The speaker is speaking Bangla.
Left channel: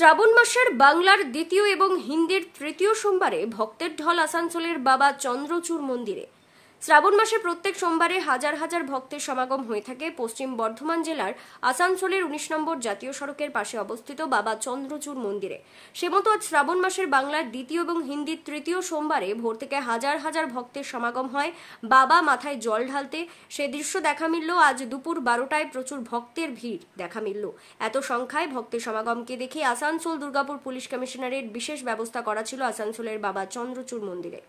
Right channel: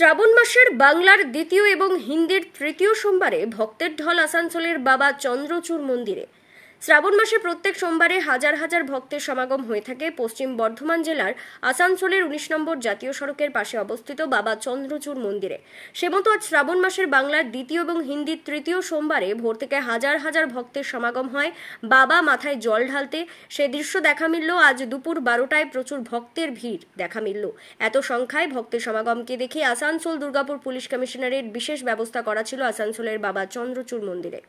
শ্রাবণ মাসের বাংলার দ্বিতীয় এবং হিন্দির তৃতীয় সোমবারে ভক্তের ঢল আসানসোলের বাবা চন্দ্রচূড় মন্দিরে। শ্রাবণ মাসে প্রত্যেক সোমবারে হাজার হাজার ভক্তের সমাগম হয়ে থাকে পশ্চিম বর্ধমান জেলার আসানসোলের ১৯ নম্বর জাতীয় সড়কের পাশে অবস্থিত বাবা চন্দ্রচূড় মন্দিরে। সেমতো আজ শ্রাবণ মাসের বাংলার দ্বিতীয় এবং হিন্দির তৃতীয় সোমবারে ভোর থেকে হাজার হাজার ভক্তের সমাগম হয় বাবা মাথায় জল ঢালতে। সে দৃশ্য দেখা মিলল আজ দুপুর 12টায়। প্রচুর ভক্তের ভিড় দেখা মিলল। এত সংখ্যায় ভক্তের সমাগমকে দেখে আসানসোল দুর্গাপুর পুলিশ কমিশনারেট বিশেষ ব্যবস্থা করা ছিল আসানসোলের বাবা চন্দ্রচূড় মন্দিরে।